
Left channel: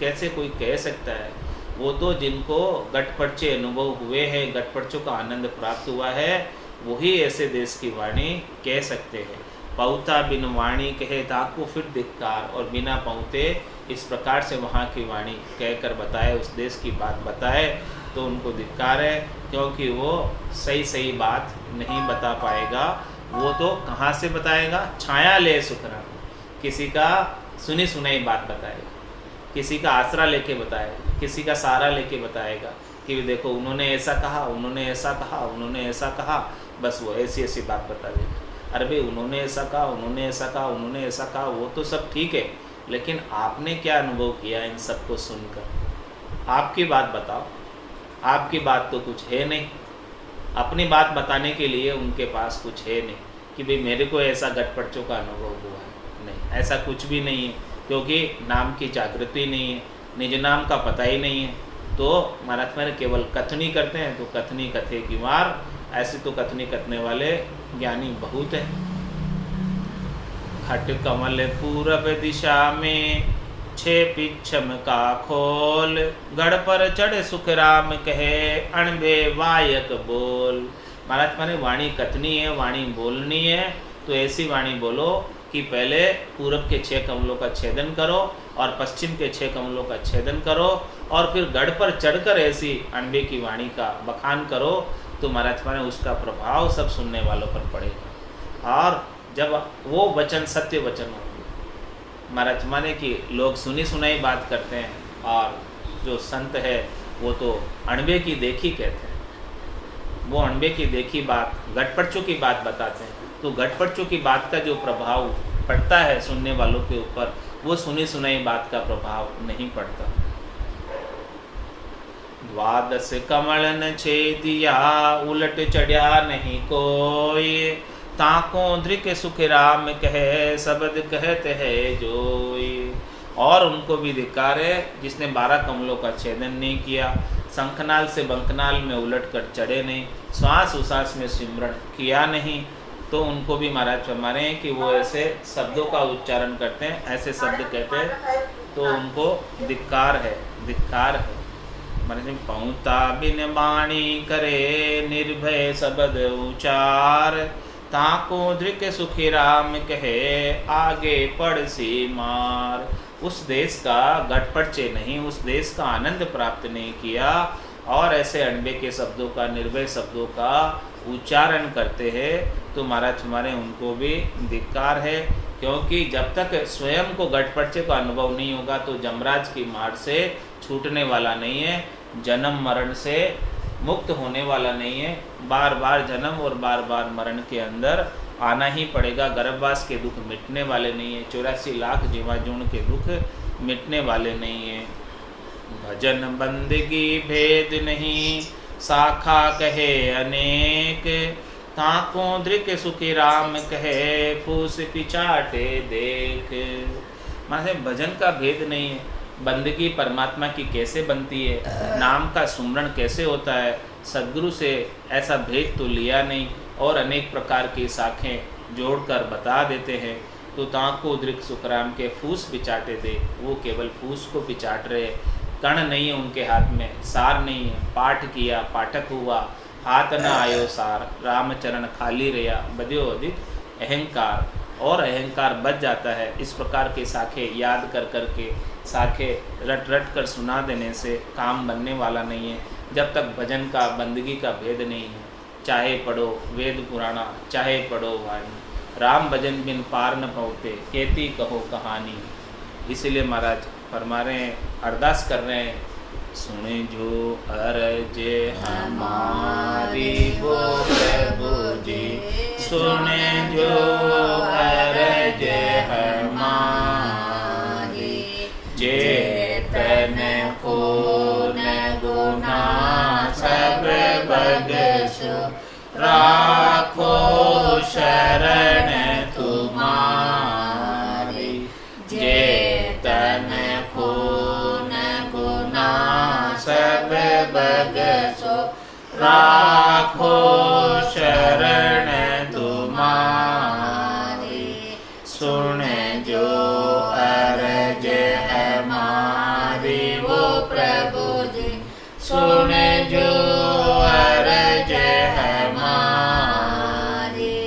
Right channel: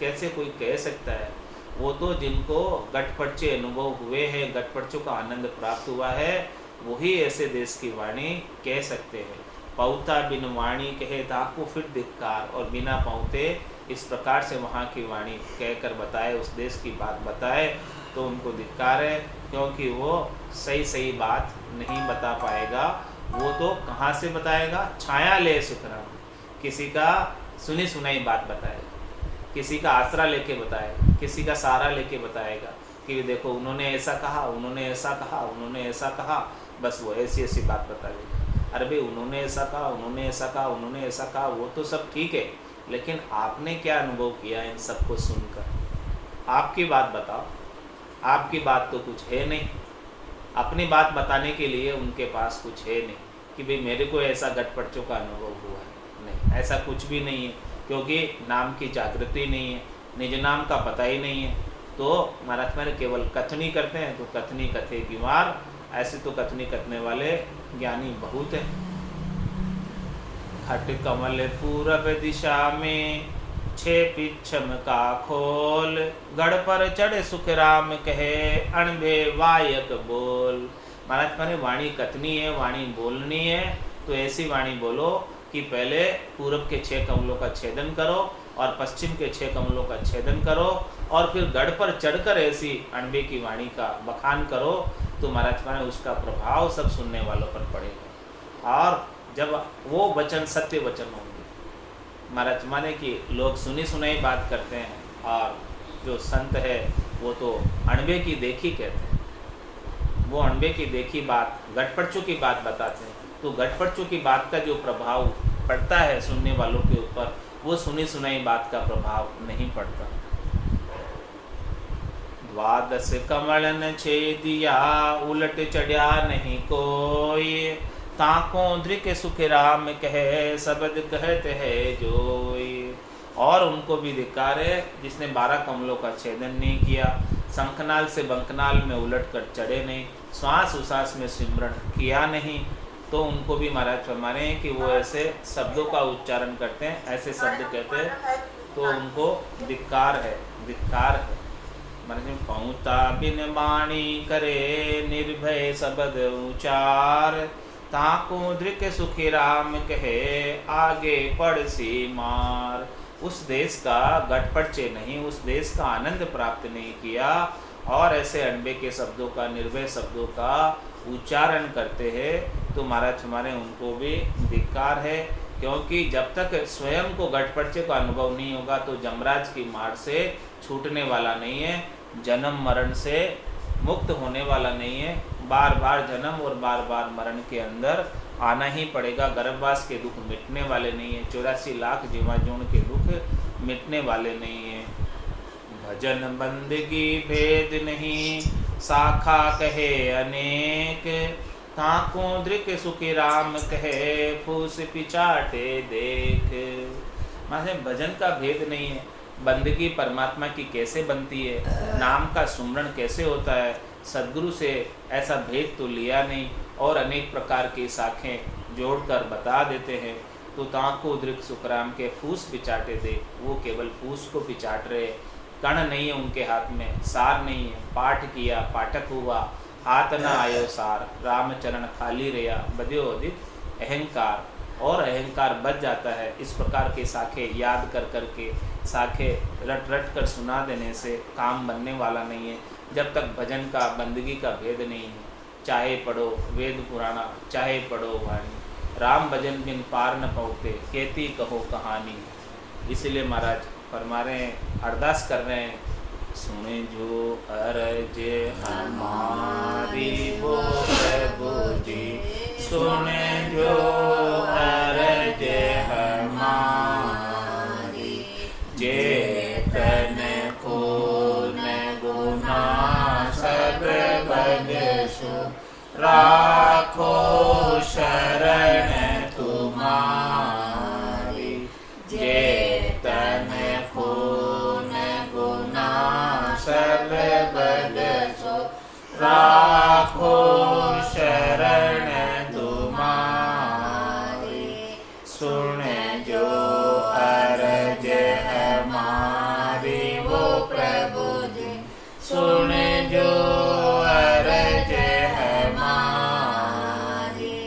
कैसे कोई कह सकता है? वो तो जिनको गटपर्चे अनुभव हुए हैं, गटपर्चों का आनंद प्राप्त हुआ है, वही ऐसे देश की वाणी कह सकते हैं। पौता बिन वाणी कहे ताको फिर धिक्कार, और बिना पहुँते इस प्रकार से वहाँ की वाणी कहकर बताए, उस देश की बात बताए, तो उनको धिक्कार है, क्योंकि वो सही सही बात नहीं बता पाएगा। वो तो कहाँ से बताएगा? छाया ले सुखराम, किसी का सुनी सुनाई बात बताएगा, किसी का आसरा लेके बताएगा, किसी का सहारा लेके बताएगा कि देखो उन्होंने ऐसा कहा, उन्होंने ऐसा कहा, उन्होंने ऐसा कहा, बस वो ऐसी ऐसी बात बता देगा। अरे भाई उन्होंने ऐसा कहा, उन्होंने ऐसा कहा, उन्होंने ऐसा कहा, वो तो सब ठीक है, लेकिन आपने क्या अनुभव किया इन सबको सुनकर? आपकी बात बताओ। आपकी बात तो कुछ है नहीं, अपनी बात बताने के लिए उनके पास कुछ है नहीं कि भाई मेरे को ऐसा गटपर्चों का अनुभव हुआ है। नहीं, ऐसा कुछ भी नहीं है, क्योंकि नाम की जागृति नहीं है, निज नाम का पता ही नहीं है। तो महाराज माने केवल कथनी करते हैं तो कथनी कथे की मार, ऐसे तो कथनी कथने वाले ज्ञानी बहुत हैं। खट कमल पूरब दिशा में, छे पिछम का खोल, गढ़ पर चढ़े सुख राम कहे, अणबे वायक बोल। महाराज माने वाणी कथनी है, वाणी बोलनी है, तो ऐसी वाणी बोलो कि पहले पूरब के 6 कमलों का छेदन करो और पश्चिम के 6 कमलों का छेदन करो, और फिर गढ़ पर चढ़कर ऐसी अणबे की वाणी का बखान करो, तो महाराज माने उसका प्रभाव सब सुनने वालों पर पड़ेगा। और जब वो वचन सत्य वचन होंगे, महाराज माने कि लोग सुनी सुनाई बात करते हैं, और जो संत है वो तो अणबे की देखी कहते हैं। वो अणबे की देखी बात, गटपटचों की बात बताते हैं, तो गटपटचों की बात का जो प्रभाव पड़ता है सुनने वालों के ऊपर, वो सुनी सुनाई बात का प्रभाव नहीं पड़ता। 12 कमल न छेदिया, उलट चढ़िया नहीं कोई, ताको धृक सुख राम कहे, शब्द कहते है जोई। और उनको भी धिक्कार है जिसने 12 कमलों का छेदन नहीं किया, शंखनाल से बंकनाल में उलट कर चढ़े नहीं, श्वास उश्वास में सिमरण किया नहीं, तो उनको भी महाराज फरमाने हैं कि वो ऐसे शब्दों का उच्चारण करते हैं, ऐसे शब्द कहते हैं, तो उनको धिक्कार है, धिक्कार है। महाराज पहुँता बिन वाणी करे, निर्भय शब्द उचार, ताको धृक सुखी राम कहे, आगे पड़ सी मार। उस देश का गटपटचे नहीं, उस देश का आनंद प्राप्त नहीं किया, और ऐसे अणबे के शब्दों का, निर्भय शब्दों का उच्चारण करते हैं, तो महाराज हमारे उनको भी धिक्कार है। क्योंकि जब तक स्वयं को गटपटचे का अनुभव नहीं होगा तो जमराज की मार से छूटने वाला नहीं है, जन्म मरण से मुक्त होने वाला नहीं है। बार बार जन्म और बार बार मरण के अंदर आना ही पड़ेगा। गर्भवास के दुख मिटने वाले नहीं है, 84 लाख जीवाजूण के दुख मिटने वाले नहीं है। भजन बंदगी भेद नहीं, शाखा कहे अनेक, ताको धृक सुखी राम कहे, फूस पिचाटे देख। माने भजन का भेद नहीं है, बंदगी परमात्मा की कैसे बनती है, नाम का सुमरण कैसे होता है, सद्गुरु से ऐसा भेद तो लिया नहीं, और अनेक प्रकार की शाखें जोड़कर बता देते हैं। तो ताको धृक सुखराम के फूस पिचाटे दे, वो केवल फूस को पिचाट रहे, कण नहीं है उनके हाथ में, सार नहीं है। पाठ किया पाठक हुआ, हाथ न आयो सार, रामचरण खाली रहा, बध्यो अधिक अहंकार, और अहंकार बच जाता है। इस प्रकार के शाखे याद कर कर के, शाखे रट रट कर सुना देने से काम बनने वाला नहीं है, जब तक भजन का, बंदगी का भेद नहीं है। चाहे पढ़ो वेद पुराना, चाहे पढ़ो वाणी, राम भजन बिन पार न पहुँचते, कहती कहो कहानी। इसलिए महाराज फरमा रहे हैं, अरदास कर रहे हैं, सुने जो अरज हमारी वो प्रभु जी, सुने जो अरज हमारी, चेतन खून गुना सब बगसु, राखो शरण तुम्हारी। चेतन खून गुना सब बगसु, राखो शरण तुम्हारी। सुन जो अरज हमारी वो प्रभु जी, सुन जो अरज हमारी।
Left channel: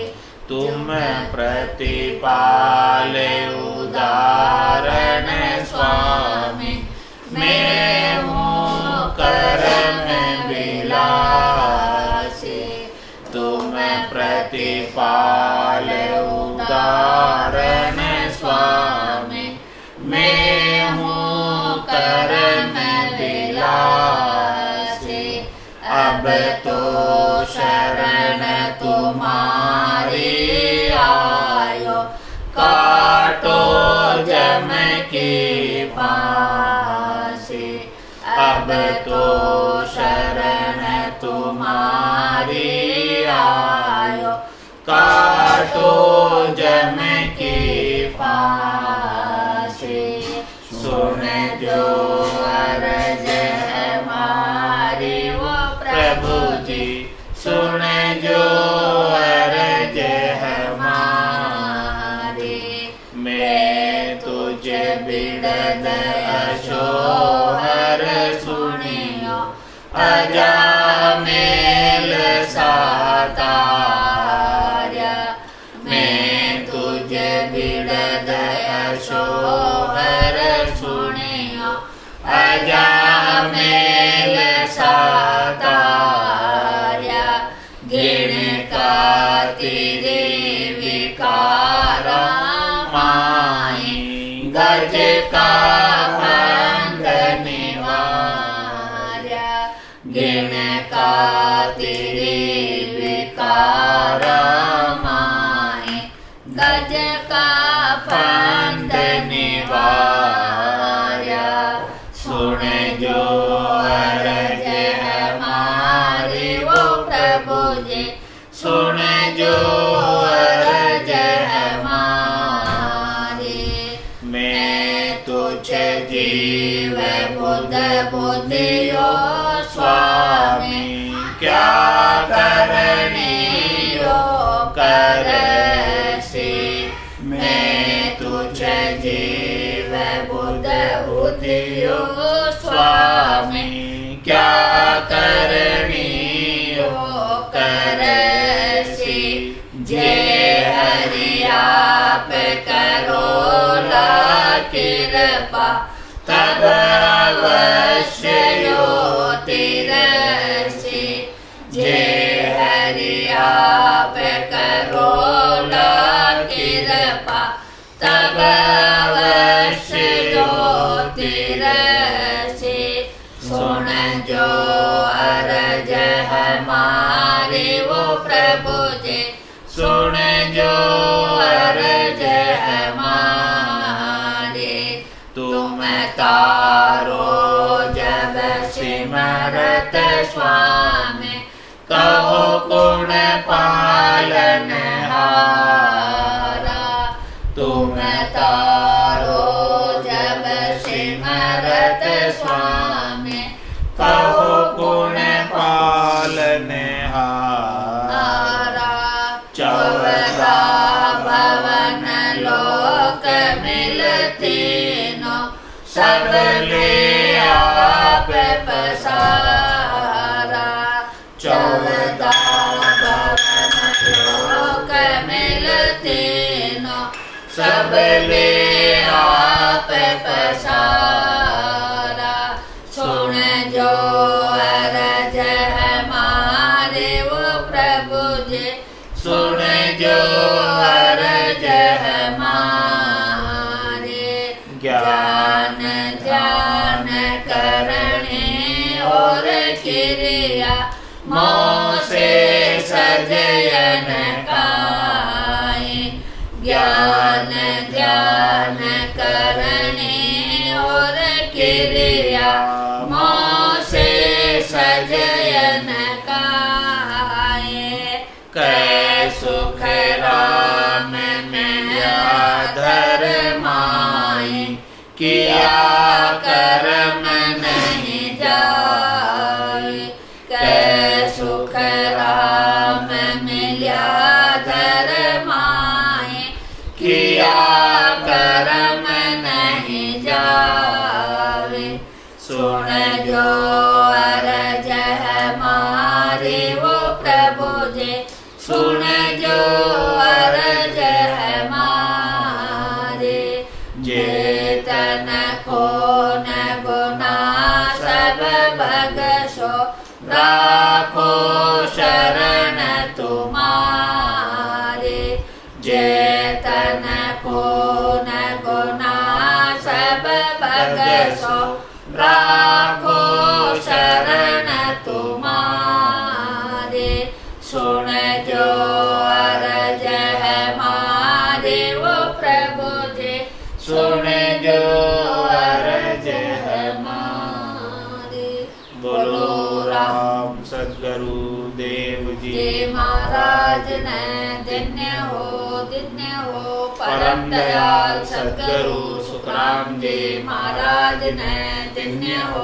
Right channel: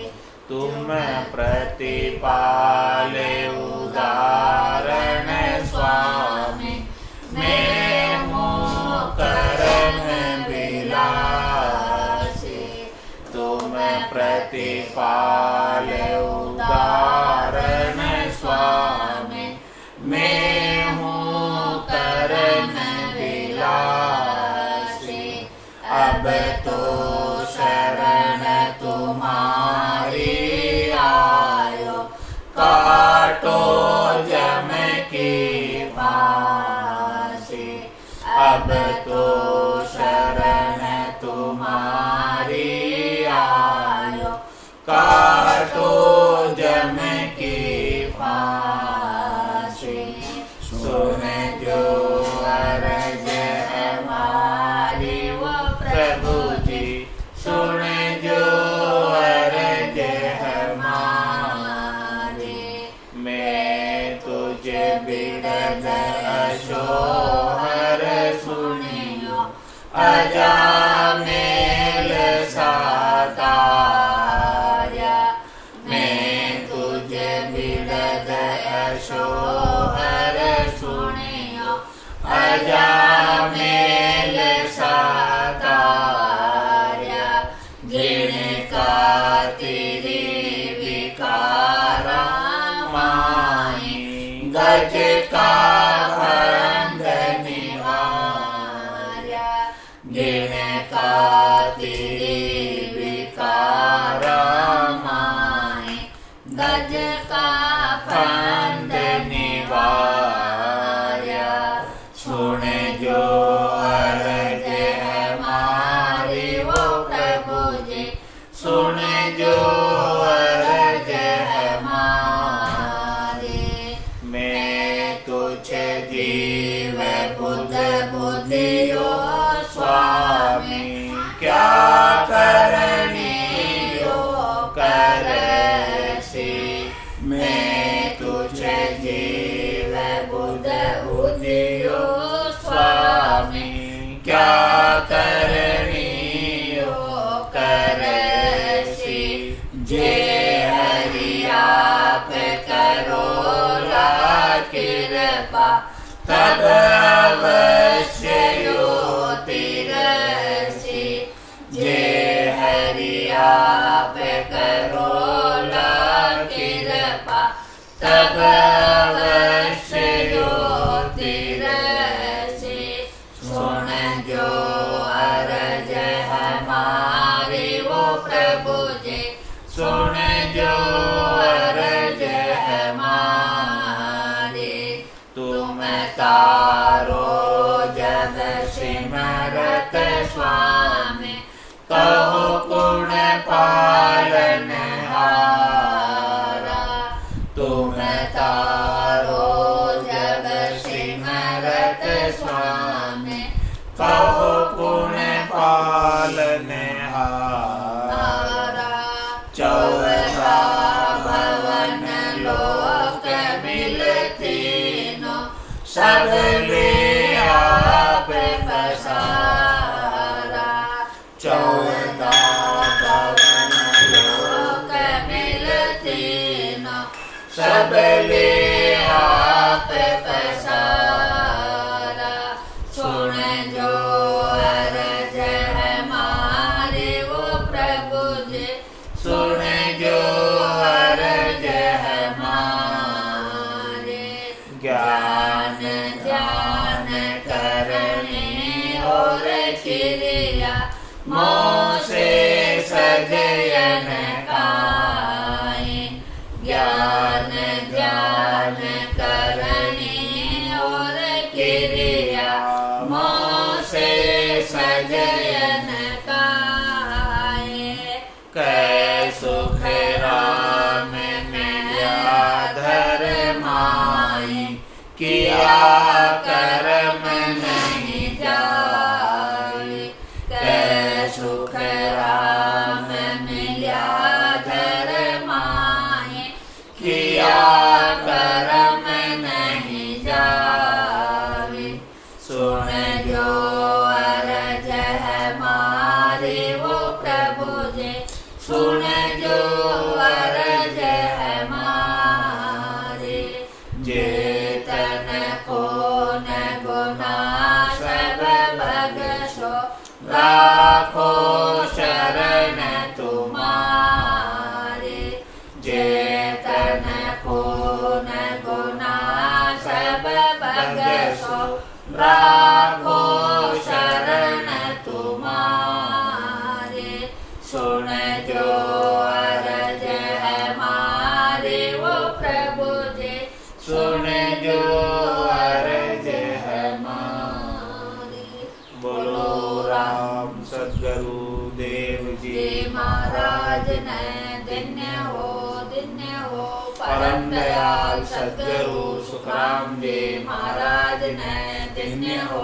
तुम प्रतिपाल उदाहरण स्वामी, मैं हूँ करम बिलासी। तुम प्रतिपाल उदाहरण स्वामी, मैं हूँ करम बिलासी। अब तो शरण तुम्हारी आयो, काटो जम की फांसी। अब तो शरण तुम्हारी आयो, काटो जम की फांसी। सुन जो अरज हमारी, अजामेल सातार्या मैं तुझ बिरद अशोहर सुनियो अजामेल सातार्या जिन का तेरे विकारा माही गज का फंद निवार्या जिन का तेरे विकारा माही गज का फंद निवार्या सुन जो अरज हमारी वो प्रभु जी सुन जो अरज हमारी मैं तुझे जीव बुध बुद्धियो स्वामी क्या करनियो करसी मैं तुझे जीव बुध बुद्धियो स्वामी क्या करनियो करसी जे हरि आप करो ला कृपा तब अवश्य योति रसी जे हरि आप करो ला कृपा तब अवश्य योति रसी सुन जो अरज हमारी वो प्रभु जी सुन जो अरज हमारी तुम तारो जग सिमरत स्वामी कहो गुण पालन हारा तुम तारो जग सिमरत स्वामी कहो गुण पालन हारा चौदा भवन लोक मिलती नो सब ले आप पसारा चौदा भवन लोक मिलती नो सब ले आप पसारा सुन जो अरज हमारे वो प्रभु जी सुन जो अरज हमारे ज्ञान ध्यान करने और क्रिया मोह से सजयन काए ज्ञान ध्यान करने और क्रिया मोह से सजयन काए कै सुख राम मिल्या धर माई किया कर्म नहीं जाए कै सुख राम मिल्या धर माई किया कर्म नहीं जाए सुन जो अरज हमारे वो प्रभु जी सुन जो अरज हमारे जेतन को न गुना सब भगसो राखो शरण तुम्हारे जेतन को न गुना सब भगसो राखो शरण तुम्हारे सुन जो अरज हमारे वो प्रभु जी सुन जो अरज हमारे बोलो राम सद्गुरु देव जी महाराज ने धन्य हो परम दयाल सद्गुरु सुखराम जी महाराज ने धन्य हो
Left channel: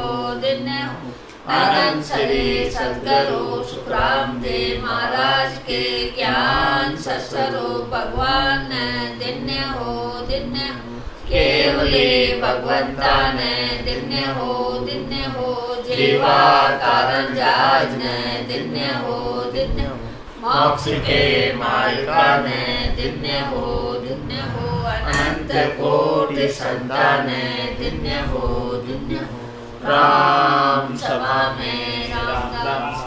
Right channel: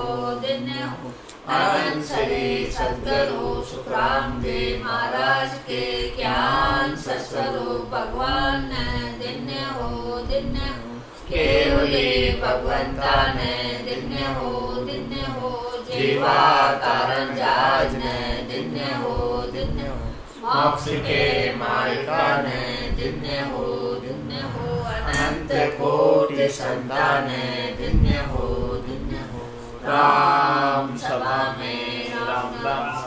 अनंत श्री सद्गुरु सुखराम जी महाराज के ज्ञान सत्स्वरूप भगवान ने धन्य हो केवली भगवंता ने धन्य हो जीवा तारण जहाज ने दिन्य हो मोक्ष के मालिका ने दिन्य हो अनंत कोटि संतान दिन्य हो राम सभा में राम राम